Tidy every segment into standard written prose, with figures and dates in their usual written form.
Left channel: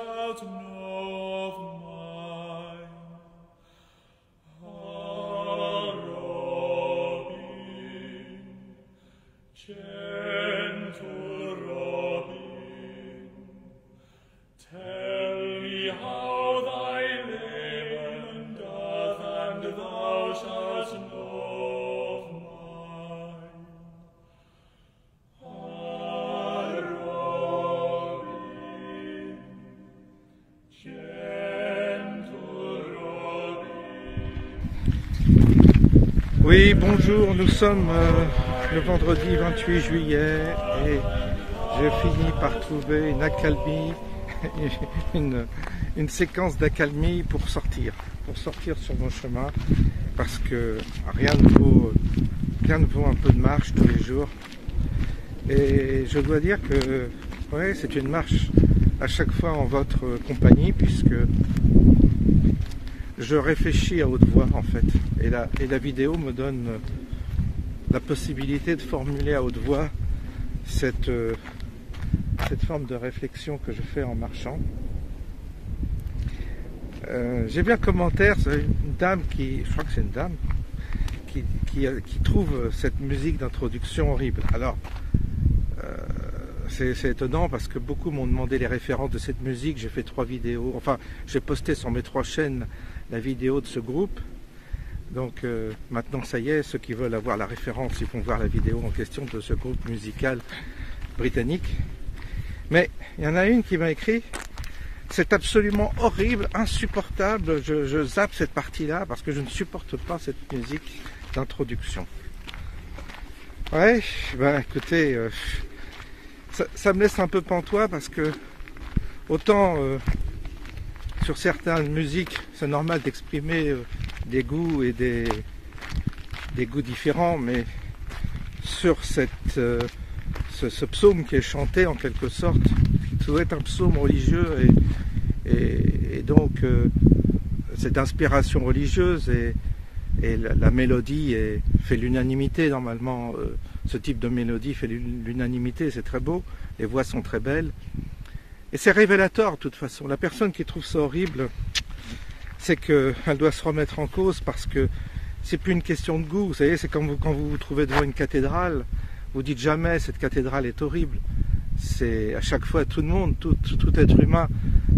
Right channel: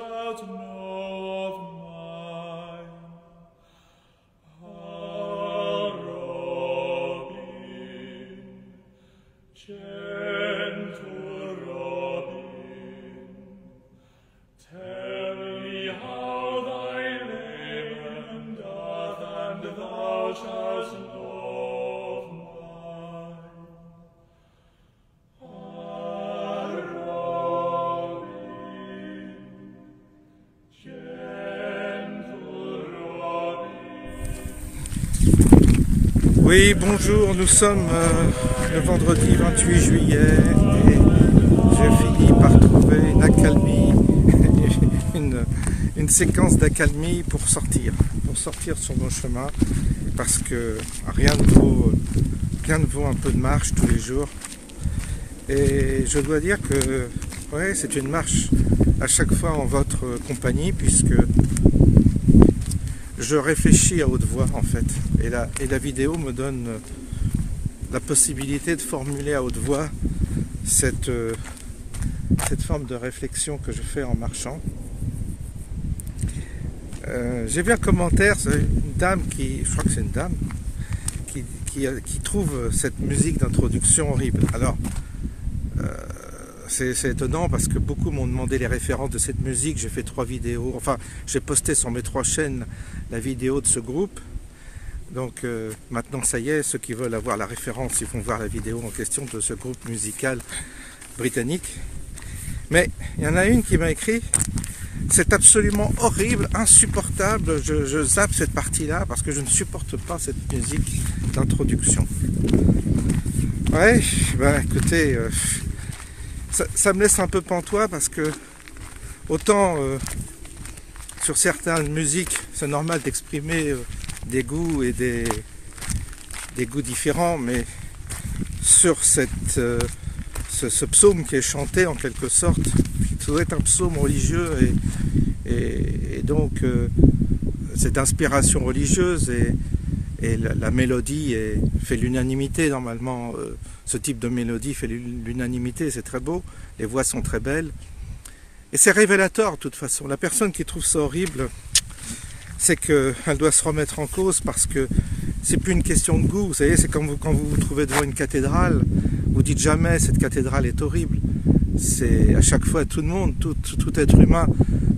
shalt know of mine. Ah, Robin, gentle Robin, tell me how thy lament doth, and thou shalt know of mine. Ah, Robin, gentle Robin. Oui, bonjour, nous sommes le vendredi 28 juillet et j'ai fini par trouver une accalmie, une séquence d'accalmie pour sortir sur mon chemin, parce que rien ne vaut un peu de marche tous les jours. Et je dois dire que ouais, c'est une marche à chaque fois en votre compagnie, puisque je réfléchis à haute voix en fait, et la vidéo me donne la possibilité de formuler à haute voix cette forme de réflexion que je fais en marchant. J'ai vu un commentaire, une dame je crois que c'est une dame, qui trouve cette musique d'introduction horrible. Alors, c'est étonnant parce que beaucoup m'ont demandé les références de cette musique. J'ai fait 3 vidéos, enfin j'ai posté sur mes 3 chaînes la vidéo de ce groupe. Donc maintenant ça y est, ceux qui veulent avoir la référence, ils vont voir la vidéo en question de ce groupe musical britannique. Mais il y en a une qui m'a écrit: c'est absolument horrible, insupportable, je zappe cette partie-là parce que je ne supporte pas cette musique d'introduction. Ouais, bah écoutez, ça me laisse un peu pantois, parce que autant sur certaines musiques, c'est normal d'exprimer des goûts et des goûts différents, mais sur ce psaume qui est chanté en quelque sorte, ça doit être un psaume religieux, et donc cette inspiration religieuse et la mélodie fait l'unanimité normalement. Ce type de mélodie fait l'unanimité, c'est très beau, les voix sont très belles. Et c'est révélateur de toute façon. La personne qui trouve ça horrible, c'est qu'elle doit se remettre en cause, parce que c'est plus une question de goût. Vous savez, c'est comme quand vous vous trouvez devant une cathédrale, vous dites jamais cette cathédrale est horrible. C'est à chaque fois tout le monde, tout être humain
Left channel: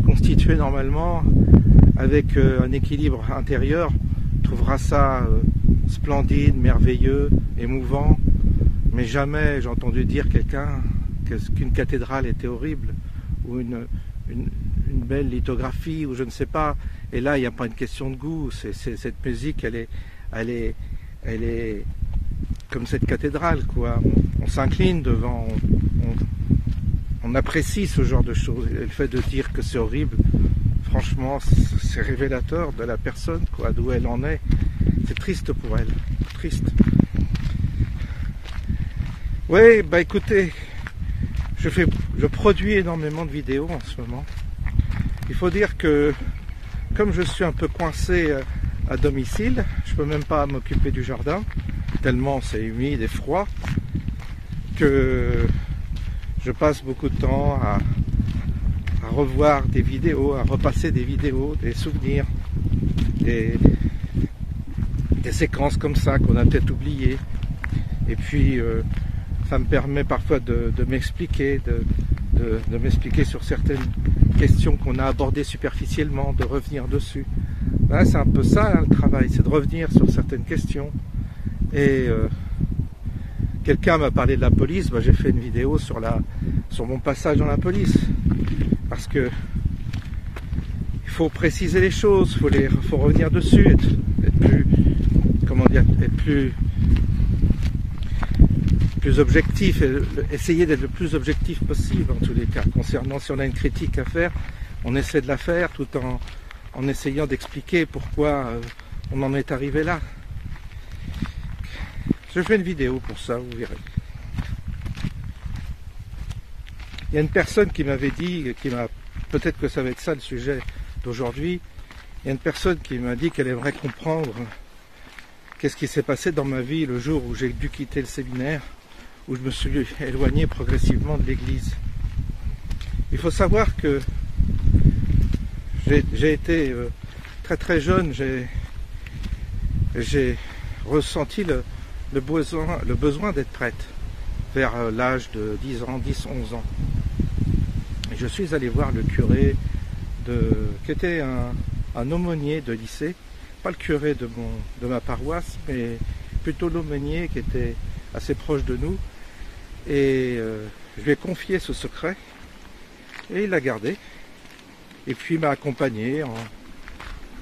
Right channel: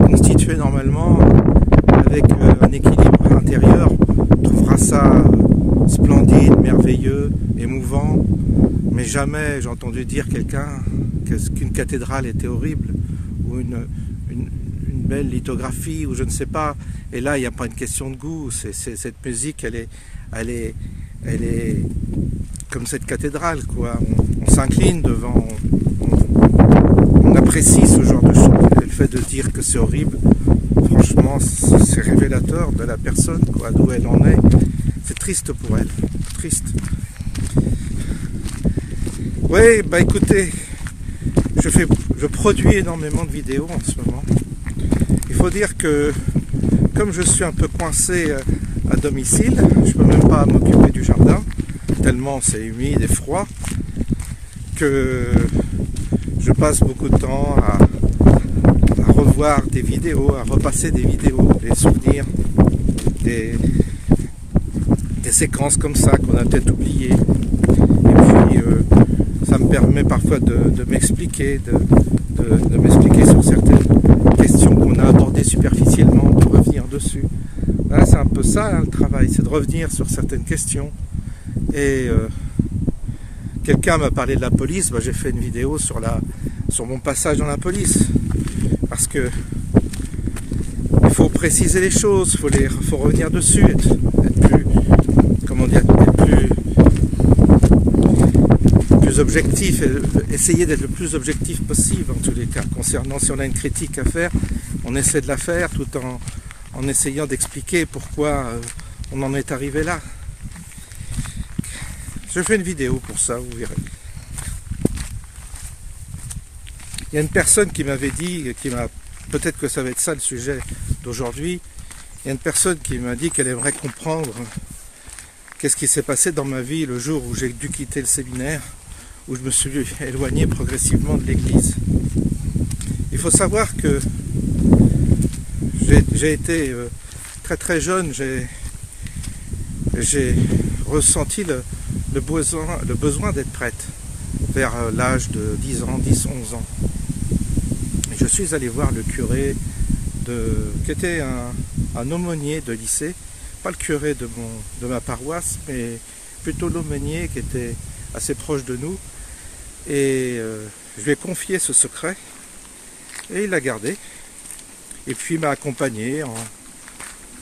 constitué normalement avec un équilibre intérieur trouvera ça splendide, merveilleux, émouvant. Mais jamais j'ai entendu dire quelqu'un qu'une cathédrale était horrible, ou une belle lithographie, ou je ne sais pas. Et là, il n'y a pas une question de goût. Cette musique, elle est comme cette cathédrale, quoi. On s'incline devant, on apprécie ce genre de choses. Et le fait de dire que c'est horrible, franchement, c'est révélateur de la personne, quoi, d'où elle en est. C'est triste pour elle, triste. Oui, bah écoutez, je produis énormément de vidéos en ce moment. Il faut dire que, comme je suis un peu coincé à domicile, je ne peux même pas m'occuper du jardin, tellement c'est humide et froid, que je passe beaucoup de temps à revoir des vidéos, à repasser des vidéos, des souvenirs, des séquences comme ça qu'on a peut-être oubliées. Et puis ça me permet parfois de m'expliquer, de m'expliquer sur certaines questions qu'on a abordées superficiellement, de revenir dessus. Voilà, c'est un peu ça, hein, le travail, c'est de revenir sur certaines questions. Et quelqu'un m'a parlé de la police, bah, j'ai fait une vidéo sur mon passage dans la police, parce que il faut préciser les choses, faut revenir dessus, être plus, comment dire, être plus objectif, et essayer d'être le plus objectif possible en tous les cas. Concernant, si on a une critique à faire, on essaie de la faire tout en essayant d'expliquer pourquoi on en est arrivé là. Je fais une vidéo pour ça, vous verrez. Il y a une personne qui m'avait dit, peut-être que ça va être ça le sujet d'aujourd'hui, il y a une personne qui m'a dit qu'elle aimerait comprendre qu'est-ce qui s'est passé dans ma vie le jour où j'ai dû quitter le séminaire, où je me suis éloigné progressivement de l'église. Il faut savoir que j'ai été très très jeune, j'ai ressenti le besoin d'être prêtre vers l'âge de 10 ans, 10-11 ans. Je suis allé voir le curé qui était un aumônier de lycée, pas le curé de ma paroisse, mais plutôt l'aumônier qui était assez proche de nous. Et je lui ai confié ce secret et il l'a gardé. Et puis il m'a accompagné en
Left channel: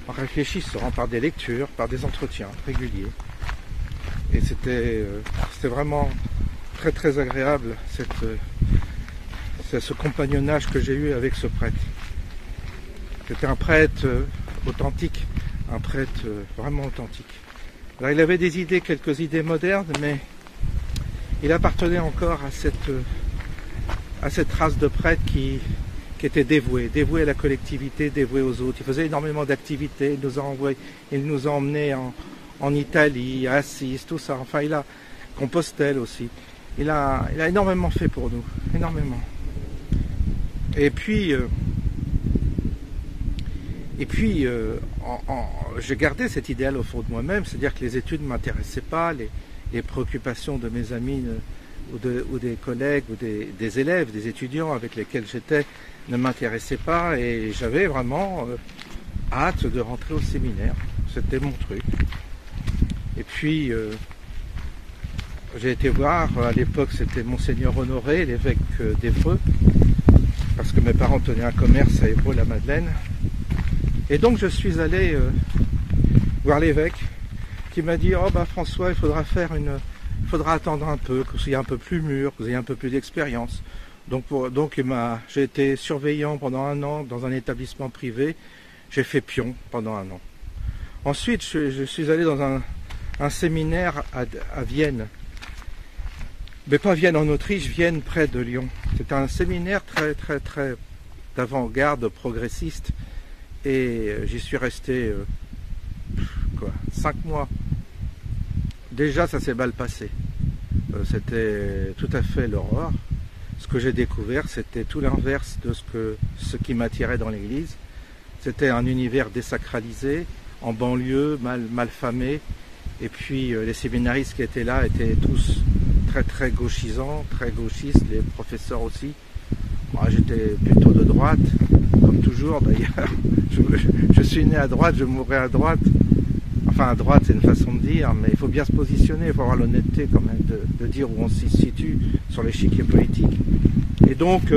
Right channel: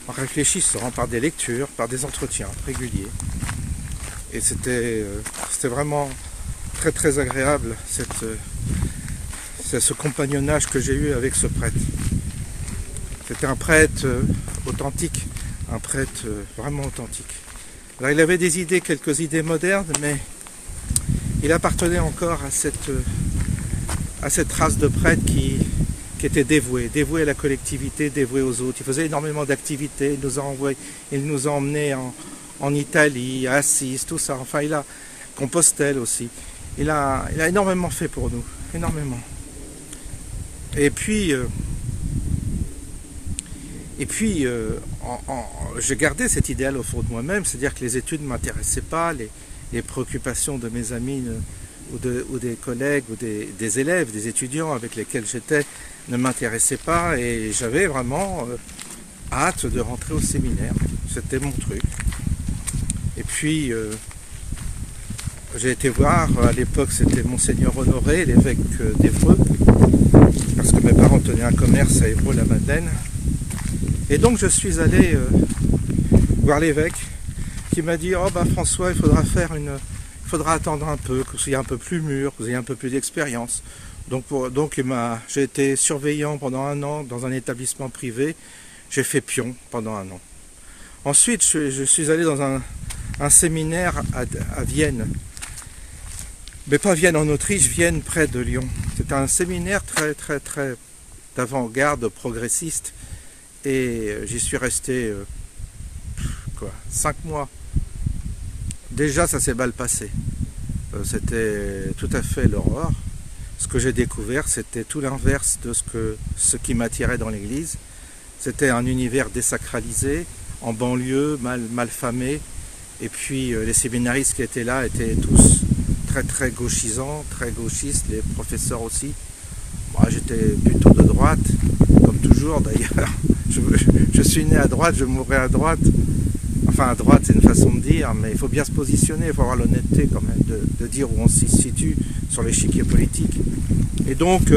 réfléchissant par des lectures, par des entretiens réguliers. Et c'était vraiment très très agréable ce compagnonnage que j'ai eu avec ce prêtre. C'était un prêtre authentique, un prêtre vraiment authentique. Alors il avait quelques idées modernes, mais il appartenait encore à cette race de prêtres qui était dévoué à la collectivité, dévoué aux autres. Il faisait énormément d'activités, il nous a emmenés en Italie, à Assise, tout ça. Enfin, Compostelle aussi. Il a énormément fait pour nous, énormément. Et puis j'ai gardé cet idéal au fond de moi-même, c'est-à-dire que les études ne m'intéressaient pas, les préoccupations de mes amis ou des collègues ou des élèves, des étudiants avec lesquels j'étais ne m'intéressaient pas, et j'avais vraiment hâte de rentrer au séminaire. C'était mon truc. Et puis j'ai été voir, à l'époque c'était Monseigneur Honoré, l'évêque d'Évreux, parce que mes parents tenaient un commerce à Évreux-la-Madeleine. Et donc je suis allé voir l'évêque, qui m'a dit « Oh ben François, il faudra attendre un peu, que vous soyez un peu plus mûr, que vous ayez un peu plus d'expérience. » Donc j'ai été surveillant pendant 1 an dans un établissement privé. J'ai fait pion pendant 1 an. Ensuite, je suis allé dans un séminaire à Vienne. Mais pas Vienne en Autriche, Vienne près de Lyon. C'était un séminaire très très très d'avant-garde, progressiste. Et j'y suis resté 5 mois. Déjà, ça s'est mal passé. C'était tout à fait l'horreur. Ce que j'ai découvert, c'était tout l'inverse de ce qui m'attirait dans l'église. C'était un univers désacralisé, en banlieue, mal famé. Et puis les séminaristes qui étaient là étaient tous très très gauchisants, très gauchistes, les professeurs aussi. Moi, j'étais plutôt de droite, comme toujours d'ailleurs. Je suis né à droite, je mourrai à droite. Enfin, à droite, c'est une façon de dire, mais il faut bien se positionner, il faut avoir l'honnêteté quand même de dire où on s'y situe sur l'échiquier politique. Et donc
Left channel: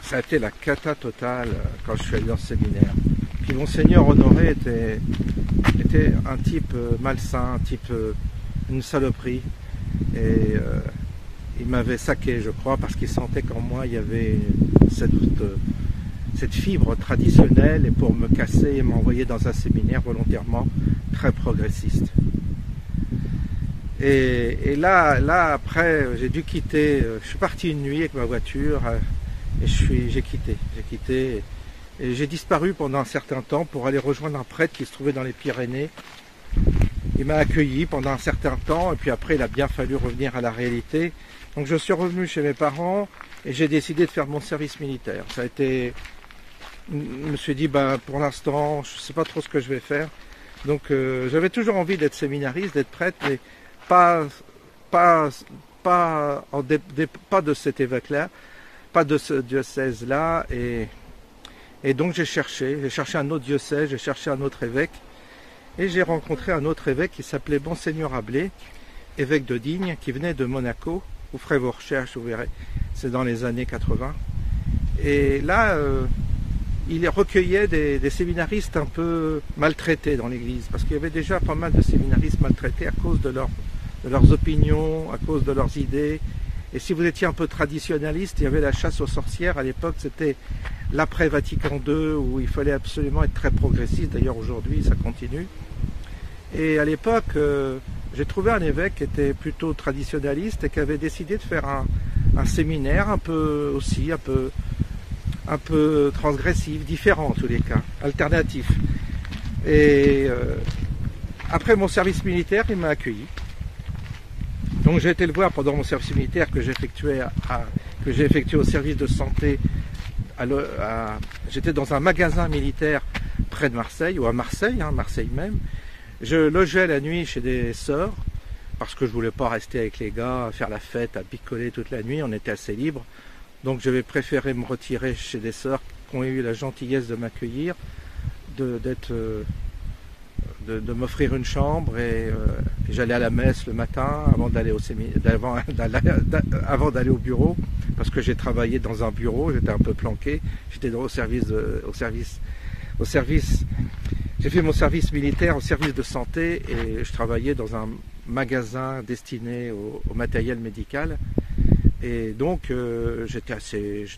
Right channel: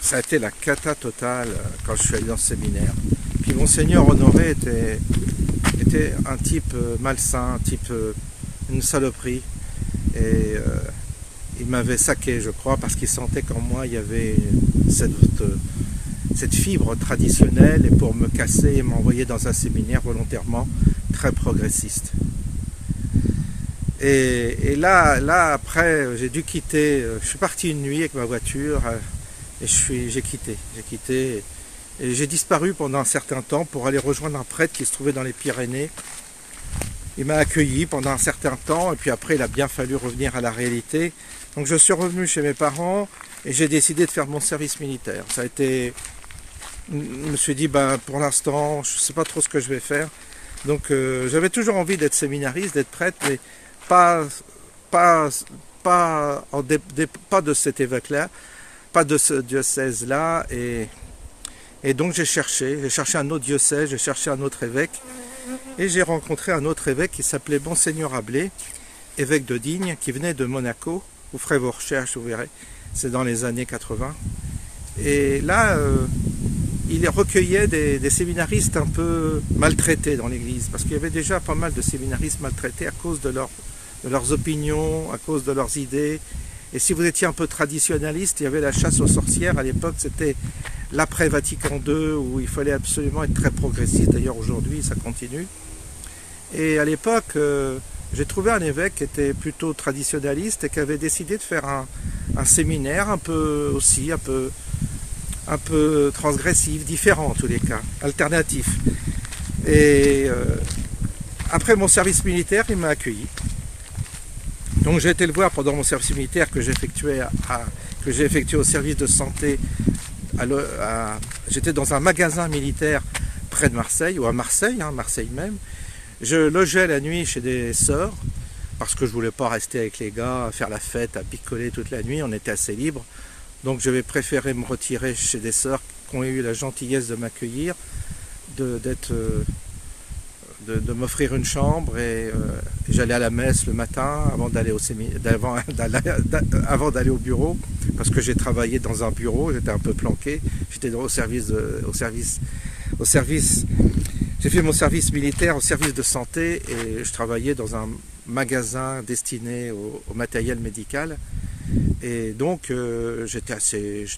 ça a été la cata totale quand je suis allé dans ce séminaire. Puis Monseigneur Honoré était un type malsain, un type une saloperie. Et il m'avait saqué, je crois, parce qu'il sentait qu'en moi il y avait cette fibre traditionnelle, et pour me casser, il m'a envoyé dans un séminaire volontairement très progressiste. Et là après, j'ai dû quitter, je suis parti une nuit avec ma voiture, et j'ai quitté, et j'ai disparu pendant un certain temps pour aller rejoindre un prêtre qui se trouvait dans les Pyrénées. Il m'a accueilli pendant un certain temps, et puis après il a bien fallu revenir à la réalité. Donc je suis revenu chez mes parents, et j'ai décidé de faire mon service militaire. Ça a été... Je me suis dit, ben, pour l'instant, je ne sais pas trop ce que je vais faire. Donc j'avais toujours envie d'être séminariste, d'être prêtre, mais pas de cet évêque-là, pas de ce diocèse-là. Et donc j'ai cherché un autre diocèse, j'ai cherché un autre évêque. Et j'ai rencontré un autre évêque qui s'appelait Monseigneur Ablé, évêque de Digne, qui venait de Monaco. Vous ferez vos recherches, vous verrez. C'est dans les années 80. Et là, il recueillait des séminaristes un peu maltraités dans l'église, parce qu'il y avait déjà pas mal de séminaristes maltraités à cause de leurs opinions, à cause de leurs idées. Et si vous étiez un peu traditionnaliste, il y avait la chasse aux sorcières. À l'époque, c'était l'après Vatican II, où il fallait absolument être très progressiste. D'ailleurs, aujourd'hui, ça continue. Et à l'époque, j'ai trouvé un évêque qui était plutôt traditionnaliste et qui avait décidé de faire un séminaire un peu transgressif, différent en tous les cas, alternatif. Et après mon service militaire, il m'a accueilli. Donc j'ai été le voir pendant mon service militaire que j'effectuais que j'ai effectué au service de santé. J'étais dans un magasin militaire près de Marseille, ou à Marseille, hein, Marseille même. Je logeais la nuit chez des sœurs, parce que je voulais pas rester avec les gars, à faire la fête, à picoler toute la nuit, on était assez libre. Donc j'avais préféré me retirer chez des sœurs qui ont eu la gentillesse de m'accueillir, de m'offrir une chambre, et j'allais à la messe le matin avant d'aller au bureau, parce que j'ai travaillé dans un bureau, j'étais un peu planqué, j'étais au service, j'ai fait mon service militaire au service de santé, et je travaillais dans un magasin destiné au matériel médical. Et donc je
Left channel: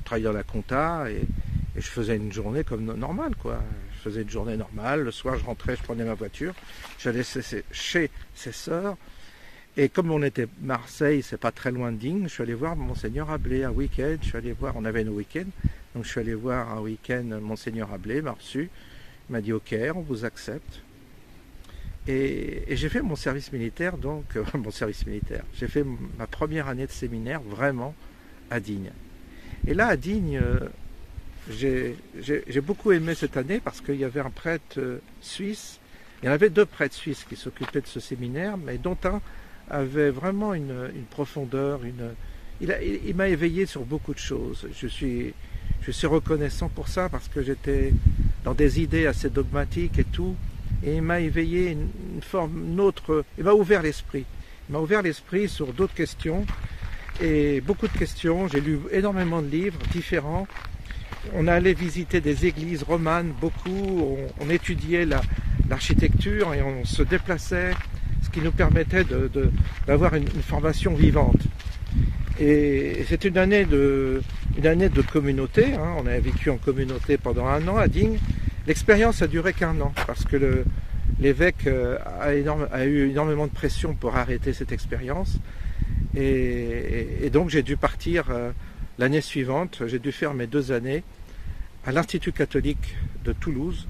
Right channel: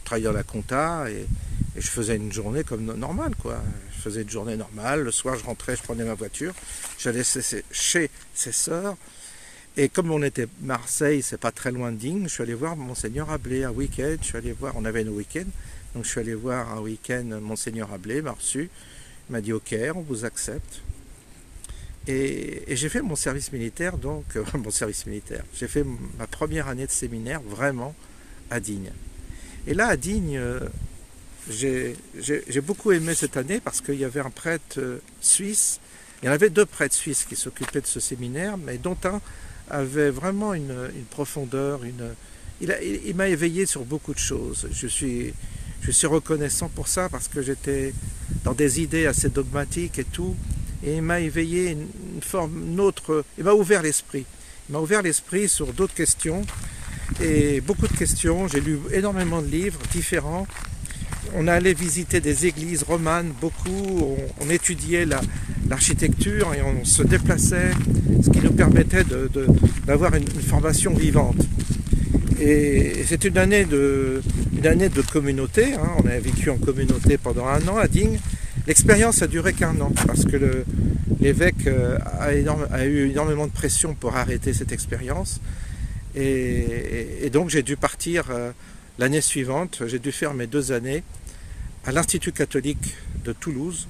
travaillais dans la compta, et je faisais une journée comme normale, quoi. Je faisais une journée normale, le soir je rentrais, je prenais ma voiture, j'allais chez ses sœurs, et comme on était Marseille, c'est pas très loin de Digne, je suis allé voir Monseigneur Ablé un week-end, on avait nos week-ends, donc je suis allé voir un week-end Monseigneur Ablé, m'a reçu, il m'a dit ok, on vous accepte. Et j'ai fait mon service militaire, donc j'ai fait ma première année de séminaire vraiment à Digne. Et là à Digne, j'ai beaucoup aimé cette année parce qu'il y avait un prêtre suisse, il y en avait 2 prêtres suisses qui s'occupaient de ce séminaire, mais dont un avait vraiment une profondeur, il m'a éveillé sur beaucoup de choses. Je suis reconnaissant pour ça parce que j'étais dans des idées assez dogmatiques et tout, et il m'a éveillé une autre, il m'a ouvert l'esprit. Il m'a ouvert l'esprit sur d'autres questions, et beaucoup de questions. J'ai lu énormément de livres différents. On allait visiter des églises romanes, beaucoup, on étudiait l'architecture et on se déplaçait, ce qui nous permettait d'avoir une formation vivante. Et c'est une année de communauté, hein. On a vécu en communauté pendant 1 an à Digne. L'expérience a duré qu'1 an, parce que l'évêque a eu énormément de pression pour arrêter cette expérience. Et donc j'ai dû partir l'année suivante, j'ai dû faire mes 2 années à l'Institut catholique de Toulouse,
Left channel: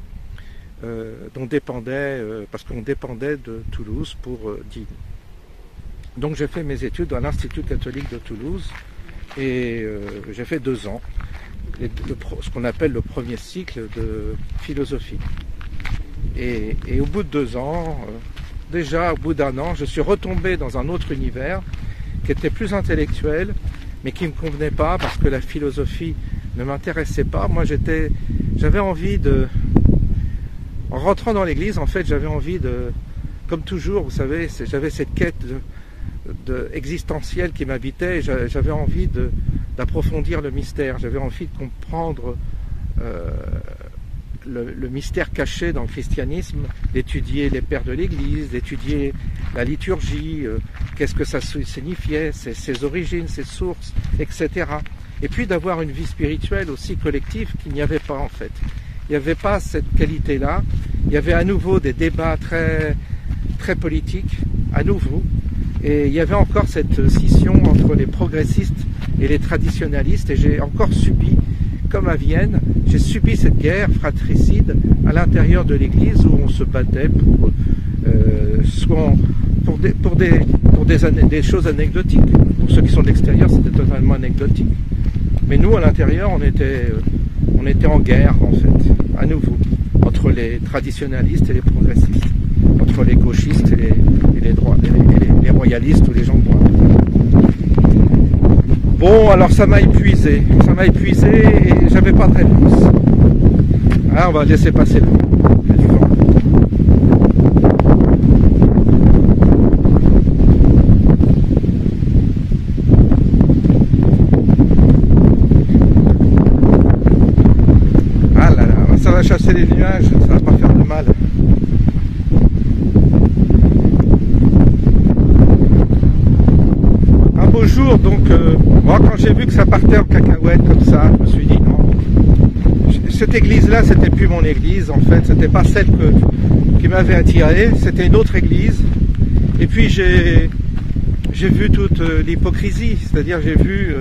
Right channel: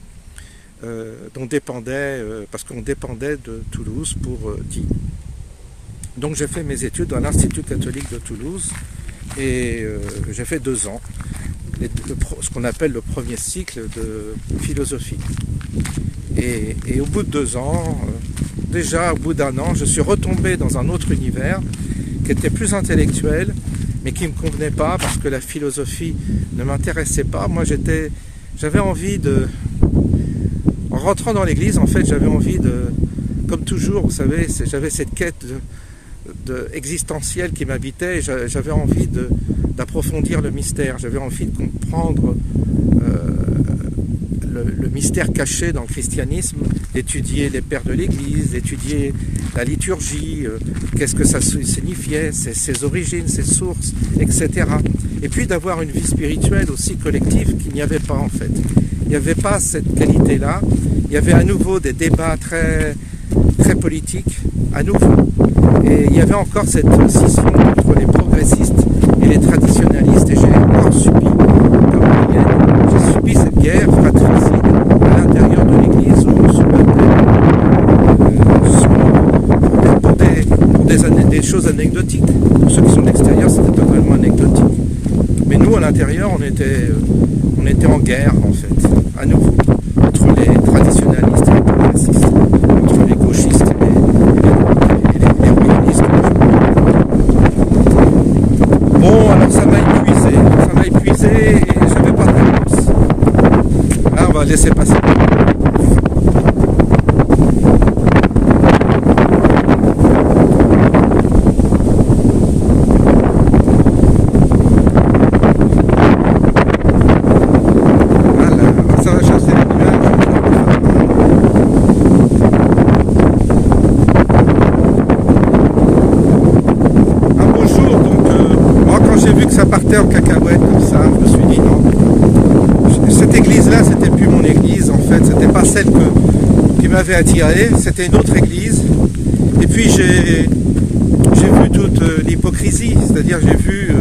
parce qu'on dépendait de Toulouse pour Digne. Donc j'ai fait mes études à l'Institut catholique de Toulouse, et j'ai fait 2 ans. Ce qu'on appelle le premier cycle de philosophie. Et au bout de 2 ans, déjà au bout d'1 an, je suis retombé dans un autre univers qui était plus intellectuel, mais qui ne me convenait pas parce que la philosophie ne m'intéressait pas. Moi j'avais envie en rentrant dans l'église, en fait, j'avais envie comme toujours, vous savez, j'avais cette quête existentielle qui m'habitait, et j'avais envie d'approfondir le mystère, j'avais envie de comprendre le mystère caché dans le christianisme, d'étudier les pères de l'Église, d'étudier la liturgie, qu'est-ce que ça signifiait, ses origines, ses sources, etc. Et puis d'avoir une vie spirituelle aussi collective qu'il n'y avait pas en fait. Il n'y avait pas cette qualité-là, il y avait à nouveau des débats très politiques, à nouveau. Et il y avait encore cette scission entre les progressistes et les traditionalistes, et j'ai encore subi, comme alien, j'ai subi cette guerre fratricide à l'intérieur de l'église où on se battait pour des choses anecdotiques. Pour ceux qui sont d'extérieur, c'était totalement anecdotique. Mais nous, à l'intérieur, on était en guerre, en fait, à nouveau, entre les traditionalistes et les progressistes, entre les gauchistes et les royalistes. Bon, alors ça m'a épuisé et j'avais pas de réponse. Ah, on va laisser passer. Ça va chasser les nuages. Un beau jour, donc, moi, quand j'ai vu que ça partait en cacahuète comme ça, je me suis dit non. Cette église-là, c'était plus mon église, en fait. C'était pas celle qui m'avait attiré, c'était une autre église. Et puis j'ai vu toute l'hypocrisie, c'est-à-dire j'ai vu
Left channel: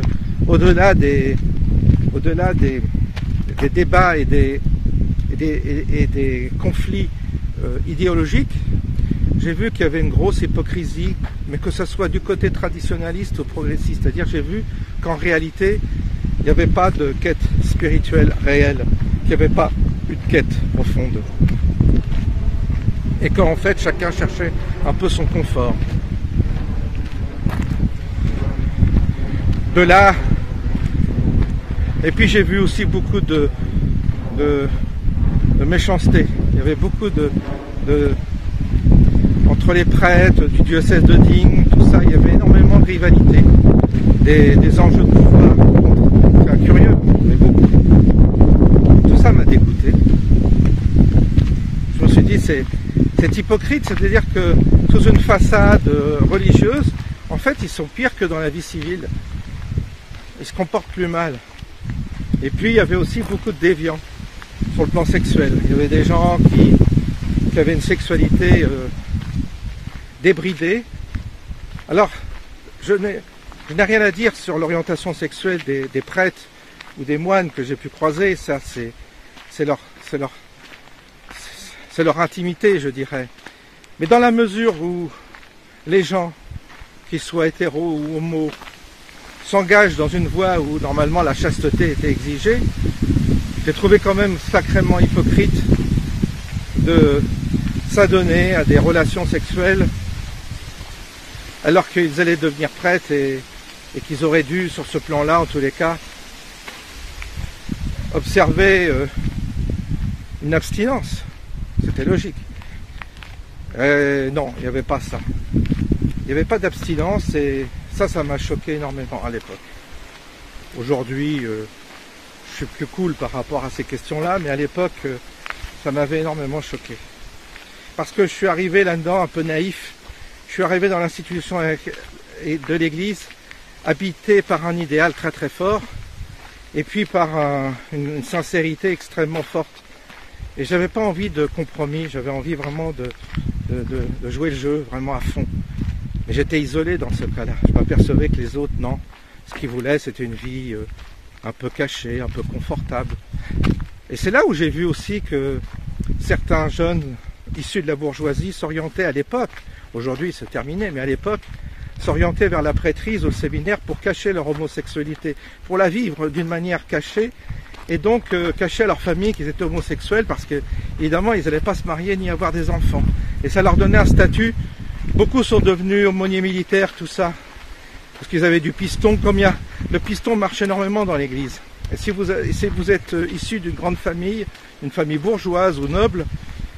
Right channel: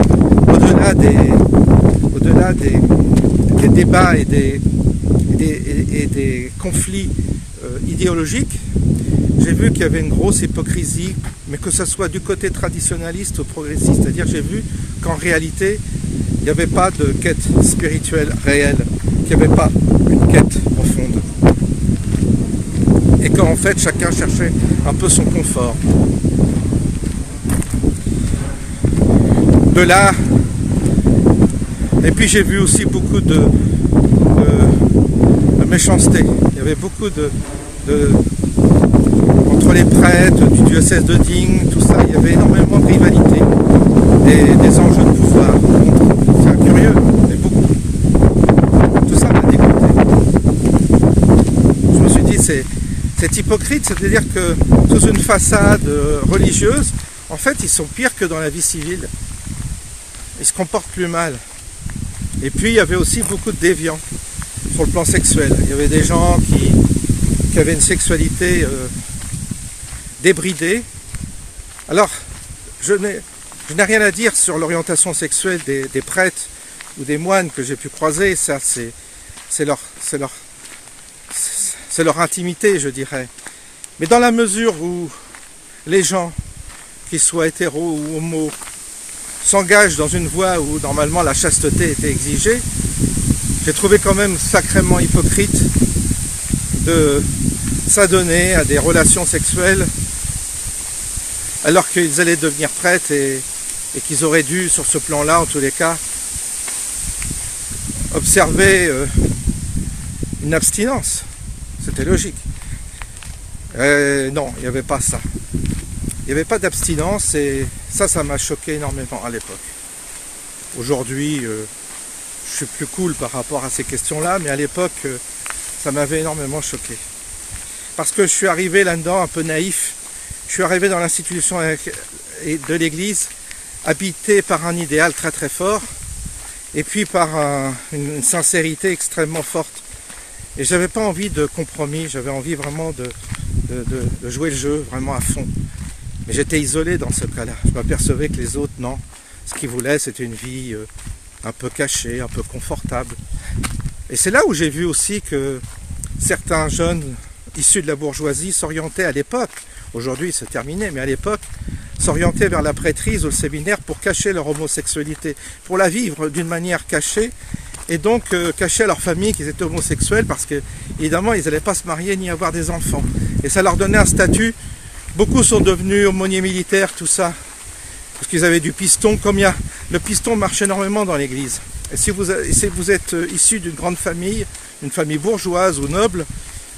au-delà des débats et des conflits idéologiques, j'ai vu qu'il y avait une grosse hypocrisie, mais que ce soit du côté traditionnaliste ou progressiste, c'est-à-dire j'ai vu qu'en réalité, il n'y avait pas de quête spirituelle réelle, qu'il n'y avait pas une quête profonde. Et qu'en fait, chacun cherchait un peu son confort. De là, et puis j'ai vu aussi beaucoup de méchanceté. Il y avait beaucoup entre les prêtres, du diocèse de Digne, tout ça, il y avait énormément de rivalité, des enjeux de pouvoir. C'est curieux, mais beaucoup. Tout ça m'a dégoûté. Je me suis dit, c'est hypocrite, c'est-à-dire que sous une façade religieuse, en fait, ils sont pires que dans la vie civile. Ils se comportent plus mal. Et puis, il y avait aussi beaucoup de déviants sur le plan sexuel. Il y avait des gens qui avaient une sexualité débridée. Alors, je n'ai rien à dire sur l'orientation sexuelle des prêtres ou des moines que j'ai pu croiser. Ça, c'est leur intimité, je dirais. Mais dans la mesure où les gens, qu'ils soient hétéros ou homo, s'engagent dans une voie où normalement la chasteté était exigée, j'ai trouvé quand même sacrément hypocrite de s'adonner à des relations sexuelles alors qu'ils allaient devenir prêtres et qu'ils auraient dû, sur ce plan-là, en tous les cas, observer une abstinence. C'était logique. Non, il n'y avait pas ça. Il n'y avait pas d'abstinence et ça m'a choqué énormément à l'époque. Aujourd'hui, je suis plus cool par rapport à ces questions-là, mais à l'époque, ça m'avait énormément choqué. Parce que je suis arrivé là-dedans un peu naïf. Je suis arrivé dans l'institution de l'Église, habité par un idéal très très fort, et puis par une sincérité extrêmement forte. Et j'avais pas envie de compromis, j'avais envie vraiment de jouer le jeu vraiment à fond. Mais j'étais isolé dans ce cas-là. Je m'apercevais que les autres, non. Ce qu'ils voulaient, c'était une vie un peu cachée, un peu confortable. Et c'est là où j'ai vu aussi que certains jeunes issus de la bourgeoisie s'orientaient à l'époque, aujourd'hui c'est terminé, mais à l'époque, s'orientaient vers la prêtrise ou le séminaire pour cacher leur homosexualité, pour la vivre d'une manière cachée, et donc cacher à leur famille qu'ils étaient homosexuels parce que, évidemment, ils n'allaient pas se marier ni avoir des enfants. Et ça leur donnait un statut. Beaucoup sont devenus aumôniers militaires, tout ça, parce qu'ils avaient du piston. Le piston marche énormément dans l'église. Et si vous êtes issu d'une grande famille, une famille bourgeoise ou noble,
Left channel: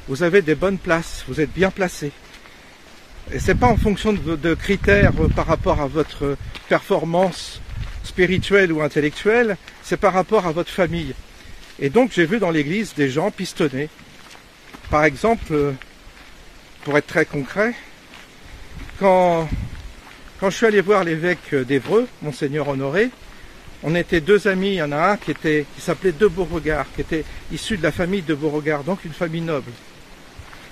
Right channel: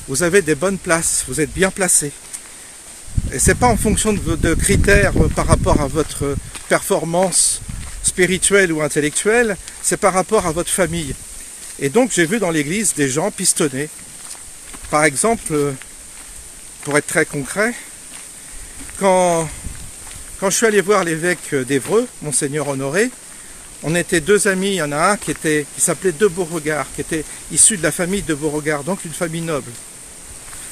vous avez des bonnes places, vous êtes bien placé. Et c'est pas en fonction de critères par rapport à votre performance spirituelle ou intellectuelle, c'est par rapport à votre famille. Et donc j'ai vu dans l'église des gens pistonnés. Par exemple, pour être très concret, quand je suis allé voir l'évêque d'Évreux, Monseigneur Honoré, on était deux amis, il y en a un qui s'appelait de Beauregard, qui était issu de la famille de Beauregard, donc une famille noble.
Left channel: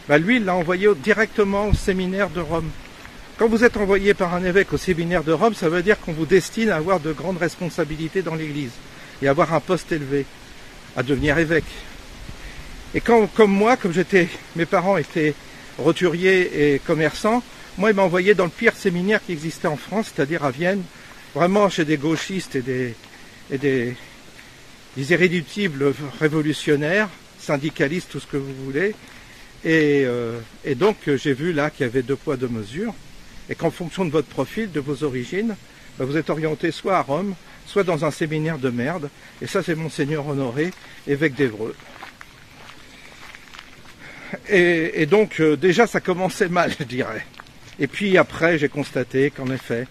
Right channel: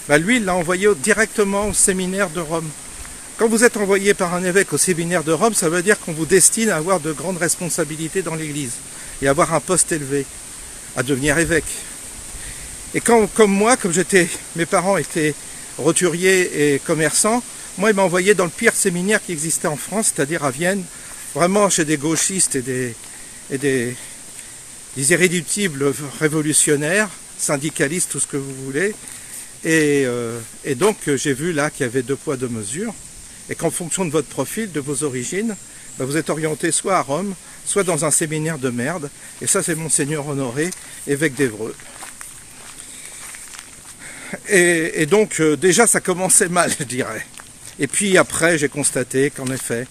Bah lui, il l'a envoyé directement au séminaire de Rome. Quand vous êtes envoyé par un évêque au séminaire de Rome, ça veut dire qu'on vous destine à avoir de grandes responsabilités dans l'Église et avoir un poste élevé, à devenir évêque. Et comme mes parents étaient roturiers et commerçants, moi, il m'a envoyé dans le pire séminaire qui existait en France, c'est-à-dire à Vienne, vraiment chez des gauchistes et des irréductibles révolutionnaires, syndicalistes, tout ce que vous voulez. Et donc, j'ai vu là qu'il y avait deux poids, deux mesures, et qu'en fonction de votre profil, de vos origines, ben, vous êtes orienté soit à Rome, soit dans un séminaire de merde. Et ça, c'est Monseigneur Honoré, évêque d'Évreux. Et donc, déjà, ça commençait mal, je dirais. Et puis après, j'ai constaté qu'en effet,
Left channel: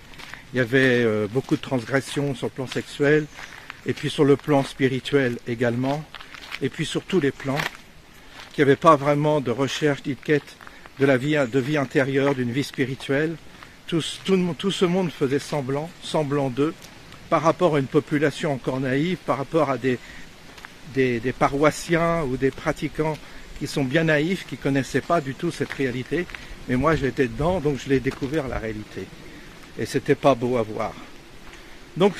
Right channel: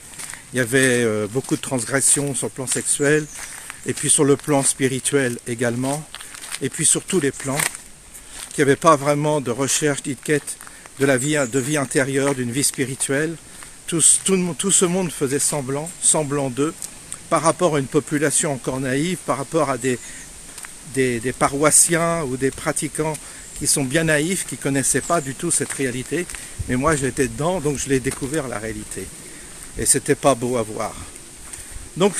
il y avait beaucoup de transgressions sur le plan sexuel, et puis sur le plan spirituel également, et puis sur tous les plans, qu'il n'y avait pas vraiment de recherche, de quête de vie intérieure, d'une vie spirituelle. Tout ce monde faisait semblant d'eux, par rapport à une population encore naïve, par rapport à des paroissiens ou des pratiquants qui sont bien naïfs, qui ne connaissaient pas du tout cette réalité. Mais moi j'étais dedans, donc je l'ai découvert la réalité. Et c'était pas beau à voir. Donc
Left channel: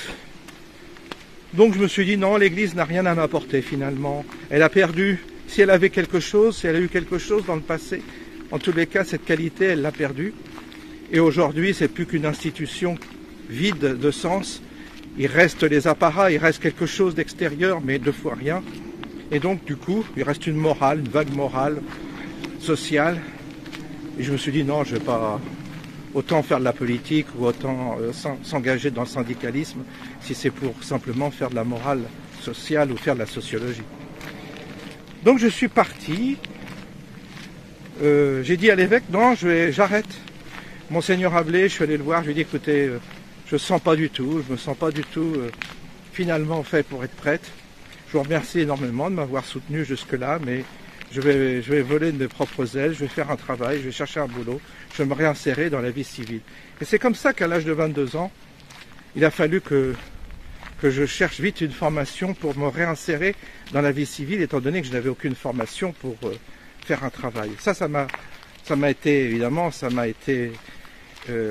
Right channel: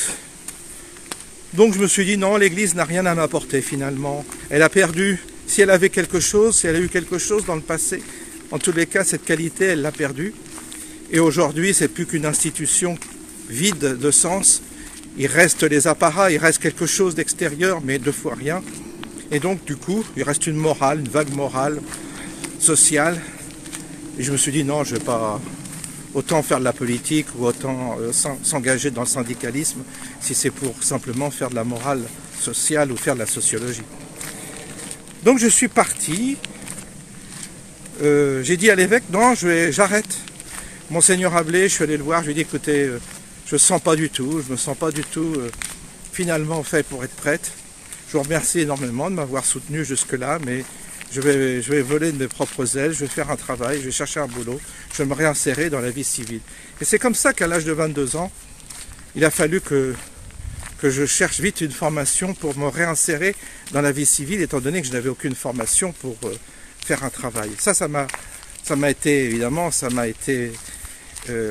je me suis dit non, l'Église n'a rien à m'apporter finalement. Elle a perdu, si elle avait quelque chose, si elle a eu quelque chose dans le passé, en tous les cas cette qualité elle l'a perdue. Et aujourd'hui c'est plus qu'une institution vide de sens. il reste les apparats, il reste quelque chose d'extérieur, mais deux fois rien. Et donc, du coup, il reste une morale, une vague morale, sociale. Et je me suis dit, non, je ne vais pas autant faire de la politique ou autant s'engager dans le syndicalisme si c'est pour simplement faire de la morale sociale ou faire de la sociologie. Donc, je suis parti. J'ai dit à l'évêque, non, j'arrête. Monseigneur Ablé, je suis allé le voir, je lui ai dit, écoutez, je ne sens pas du tout, je me sens pas du tout finalement fait pour être prêtre. Je vous remercie énormément de m'avoir soutenu jusque-là, mais je vais voler de mes propres ailes, je vais faire un travail, je vais chercher un boulot, je vais me réinsérer dans la vie civile. Et c'est comme ça qu'à l'âge de 22 ans, il a fallu que je cherche vite une formation pour me réinsérer dans la vie civile, étant donné que je n'avais aucune formation pour faire un travail. Ça m'a été, évidemment, ça m'a été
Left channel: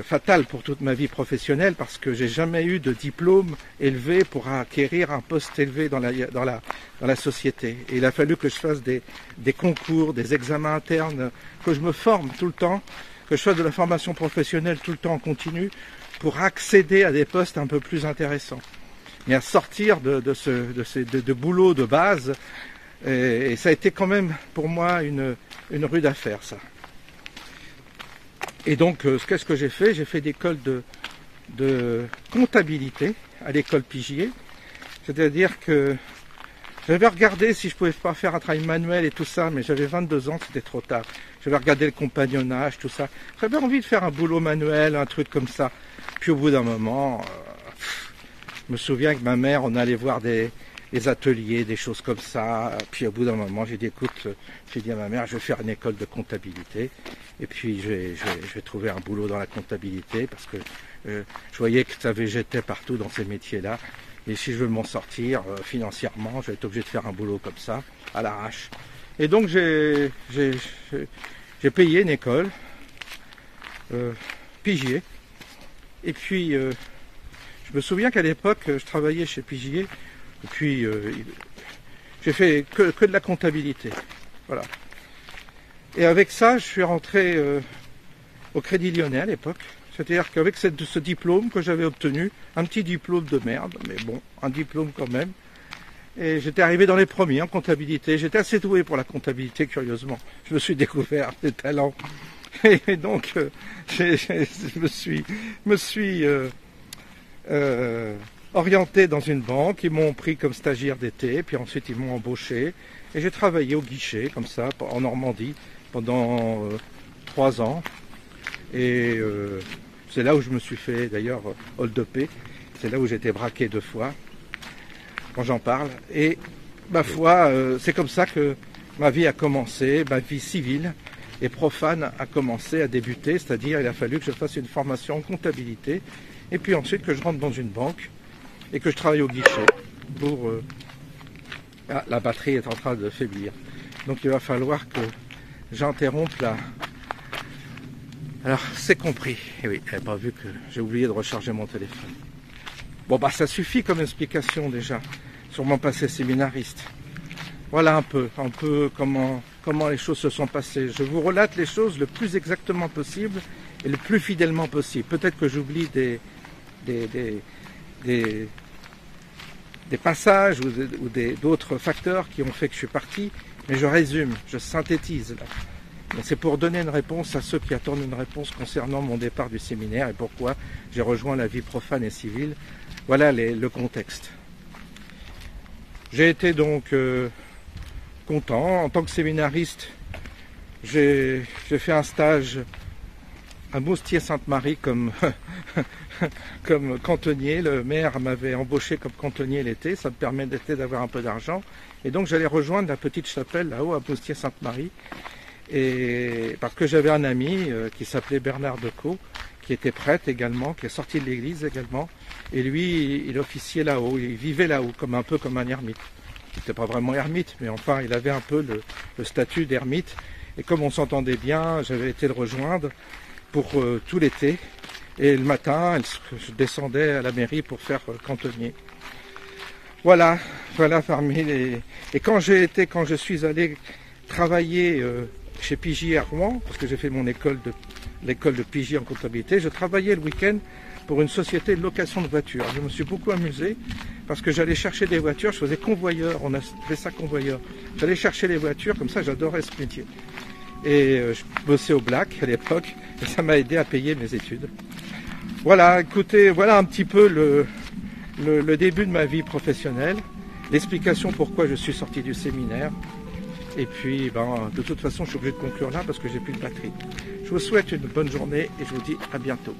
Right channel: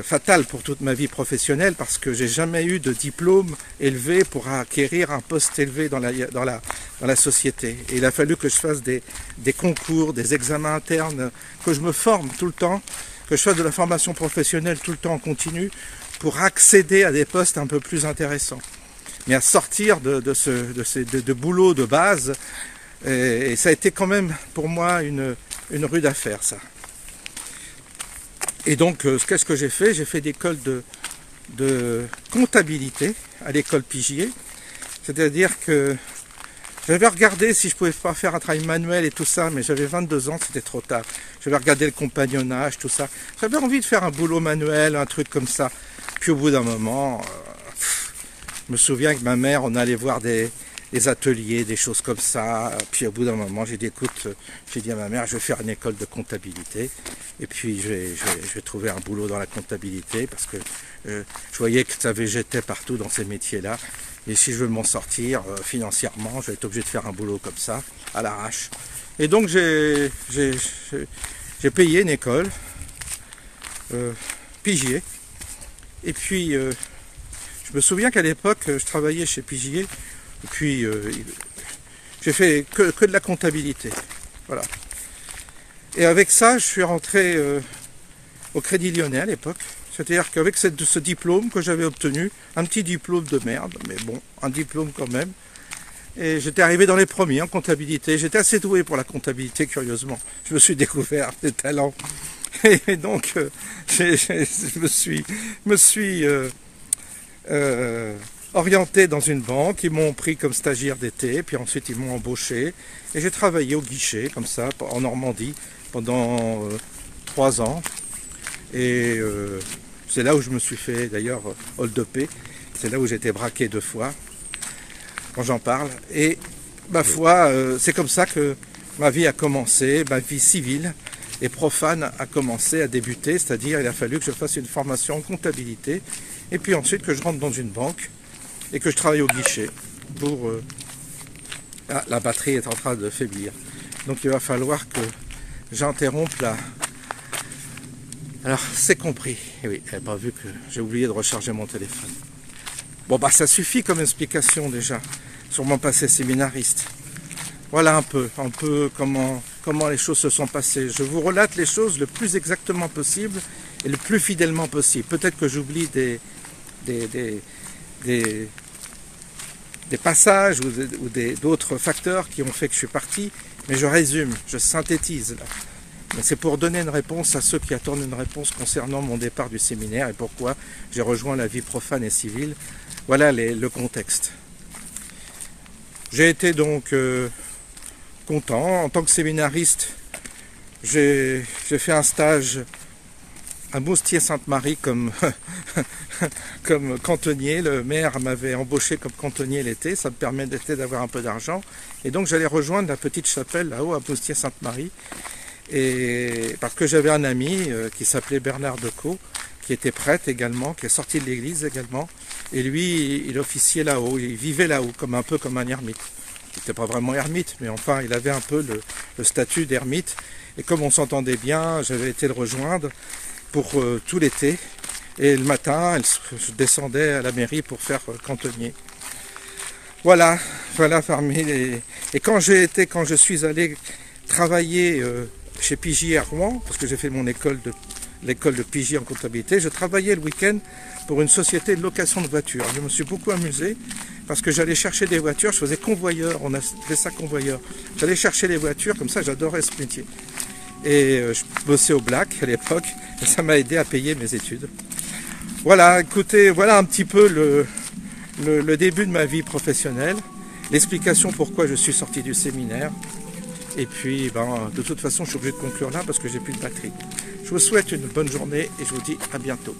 fatal pour toute ma vie professionnelle parce que j'ai jamais eu de diplôme élevé pour acquérir un poste élevé dans la société. Et il a fallu que je fasse des concours, des examens internes, que je me forme tout le temps, que je fasse de la formation professionnelle tout le temps en continu pour accéder à des postes un peu plus intéressants. Mais à sortir de boulot de base, et ça a été quand même pour moi une rude affaire, ça. Et donc, qu'est-ce que j'ai fait? J'ai fait d'école de comptabilité à l'école Pigier. C'est-à-dire que j'avais regardé si je pouvais pas faire un travail manuel et tout ça, mais j'avais 22 ans, c'était trop tard. J'avais regardé le compagnonnage, tout ça. J'avais envie de faire un boulot manuel, un truc comme ça. Puis au bout d'un moment, je me souviens que ma mère, on allait voir des ateliers, des choses comme ça. Puis au bout d'un moment, j'ai dit, écoute, j'ai dit à ma mère, je vais faire une école de comptabilité. Et puis je vais trouver un boulot dans la comptabilité parce que je voyais que ça végétait partout dans ces métiers-là. Et si je veux m'en sortir financièrement, je vais être obligé de faire un boulot comme ça, à l'arrache. Et donc j'ai payé une école, Pigier. Et puis je me souviens qu'à l'époque, je travaillais chez Pigier. Et puis, j'ai fait que de la comptabilité. Voilà. Et avec ça, je suis rentré au Crédit Lyonnais à l'époque. C'est-à-dire qu'avec ce diplôme que j'avais obtenu, un petit diplôme de merde, mais bon, un diplôme quand même. Et j'étais arrivé dans les premiers en comptabilité. J'étais assez doué pour la comptabilité, curieusement. Je me suis découvert des talents. Et donc, je me suis orienté dans une banque, ils m'ont pris comme stagiaire d'été, puis ensuite ils m'ont embauché, et j'ai travaillé au guichet, comme ça, en Normandie, pendant 3 ans, et c'est là où je me suis fait, d'ailleurs, hold-upé, c'est là où j'ai été braqué 2 fois, quand j'en parle, et ma foi, c'est comme ça que ma vie a commencé, ma vie civile et profane a commencé à débuter, c'est-à-dire il a fallu que je fasse une formation en comptabilité, et puis ensuite que je rentre dans une banque, et que je travaille au guichet pour... Ah, la batterie est en train de faiblir. Donc il va falloir que j'interrompe la... Alors, c'est compris. Et oui, elle n'a pas vu que j'ai oublié de recharger mon téléphone. Bon, bah ça suffit comme explication déjà sur mon passé séminariste. Voilà un peu comment les choses se sont passées. Je vous relate les choses le plus exactement possible et le plus fidèlement possible. Peut-être que j'oublie des passages ou d'autres facteurs qui ont fait que je suis parti, mais je résume, je synthétise là. C'est pour donner une réponse à ceux qui attendent une réponse concernant mon départ du séminaire et pourquoi j'ai rejoint la vie profane et civile. Voilà le contexte. J'ai été donc content. En tant que séminariste, j'ai fait un stage à Moustier-Sainte-Marie comme cantonnier. Le maire m'avait embauché comme cantonnier l'été, ça me permettait d'avoir un peu d'argent. Et donc j'allais rejoindre la petite chapelle là-haut à Moustier-Sainte-Marie. Et parce que j'avais un ami qui s'appelait Bernard Decaux, qui était prêtre également, qui est sorti de l'église également. Et lui, il officiait là-haut, il vivait là-haut, un peu comme un ermite. Il n'était pas vraiment ermite, mais enfin, il avait un peu le statut d'ermite. Et comme on s'entendait bien, j'avais été le rejoindre pour tout l'été. Et le matin, je descendais à la mairie pour faire cantonnier. Voilà parmi les... Et quand je suis allé travailler chez Pigier à Rouen, parce que j'ai fait mon l'école de Pigier en comptabilité, je travaillais le week-end pour une société de location de voitures. Je me suis beaucoup amusé parce que j'allais chercher des voitures, je faisais convoyeur, on a fait ça convoyeur. J'allais chercher les voitures, comme ça j'adorais ce métier. Et je bossais au Black à l'époque, et ça m'a aidé à payer mes études. Voilà, écoutez, voilà un petit peu le début de ma vie professionnelle, l'explication pourquoi je suis sorti du séminaire. Et puis, de toute façon, je suis obligé de conclure là parce que j'ai plus de batterie. Je vous souhaite une bonne journée et je vous dis à bientôt.